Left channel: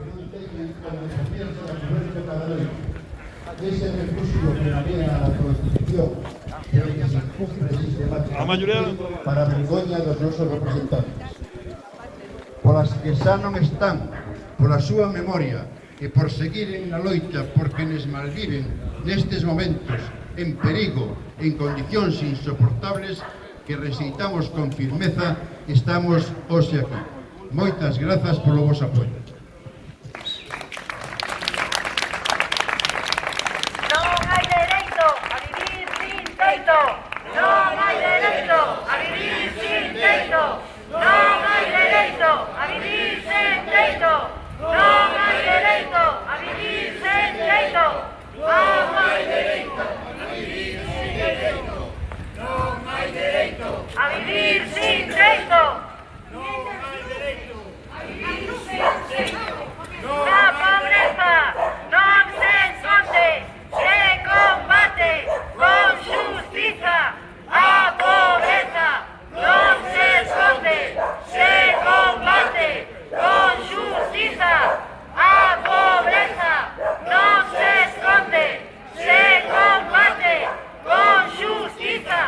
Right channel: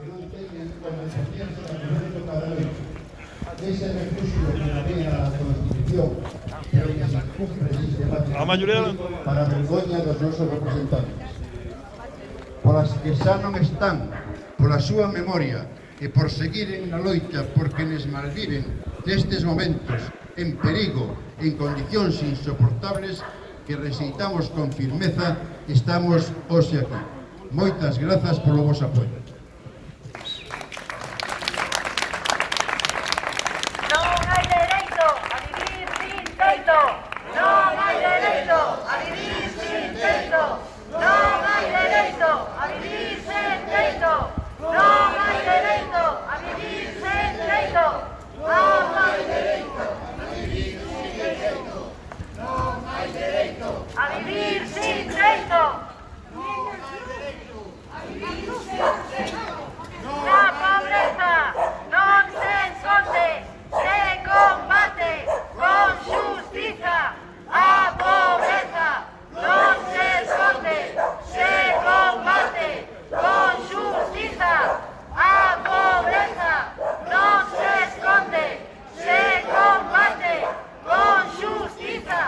que non teñen conversacións sobre a política cada noite. Dese refugio que navea a Constitución, pero que se cumple sistemáticamente para a vergoña dos nosos representantes. Polas que xa non están, pola súa memoria, e por seguiren na loita por quenes malviven nestes momentos, en perigo, en condicións insoportables, que rexeitamos con firmeza, estamos hoxe aquí. Moitas grazas polo vosso apoio. Non hai dereito a vivir sin teito. Non hai dereito a vivir sin teito. Non hai dereito a vivir sin teito. Non hai dereito a vivir sin teito. Non hai dereito a vivir sin teito. Non hai dereito a vivir sin teito. Non hai dereito a vivir sin teito. La pobreza non se esconde, se combate con justiza. A pobreza non se esconde, se combate con justiza. A pobreza non se esconde, se combate con justiza.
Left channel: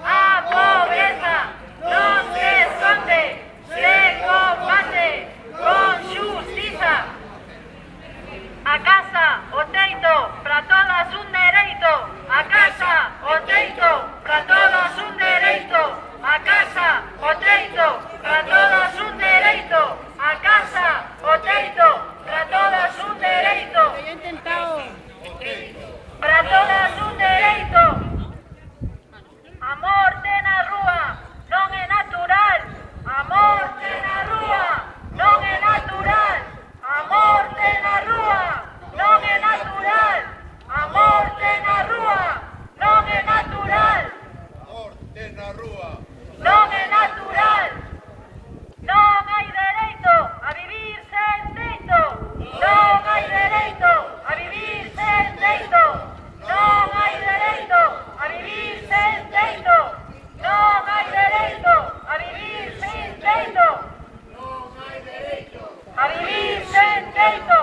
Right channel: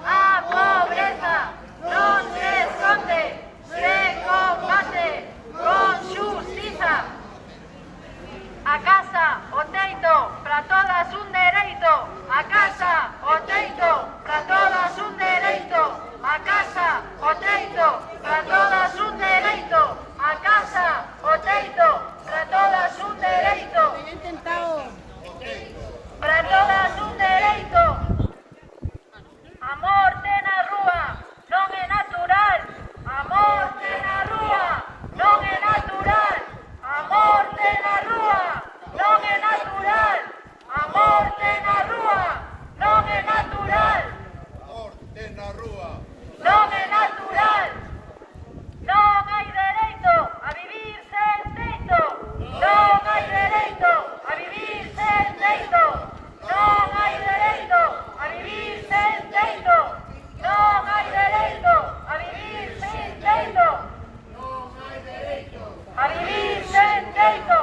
A pobreza non se esconde, se combate con justiza. A casa, o teito, para todas un dereito. A casa, o teito, para todas un dereito. A casa, o teito, para todas un dereito. A casa, o teito, para todas un dereito. Para todas un dereito. A morte na rúa non é natural. A morte na rúa non é natural. A morte na rúa non é natural. A morte na rúa non é natural. Morte na rúa. Non é natural. Non hai dereito a vivir sen teito. Non hai dereito a vivir sen teito. Non hai dereito a vivir sen teito. Non hai dereito a vivir sen teito. Non hai dereito a vivir sen teito.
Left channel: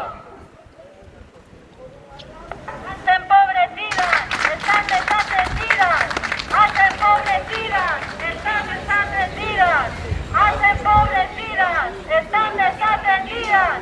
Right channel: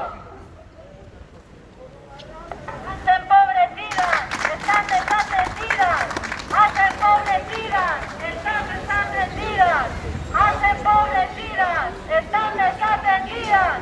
As empobrecidas están desatendidas. As empobrecidas están desatendidas. As empobrecidas están desatendidas.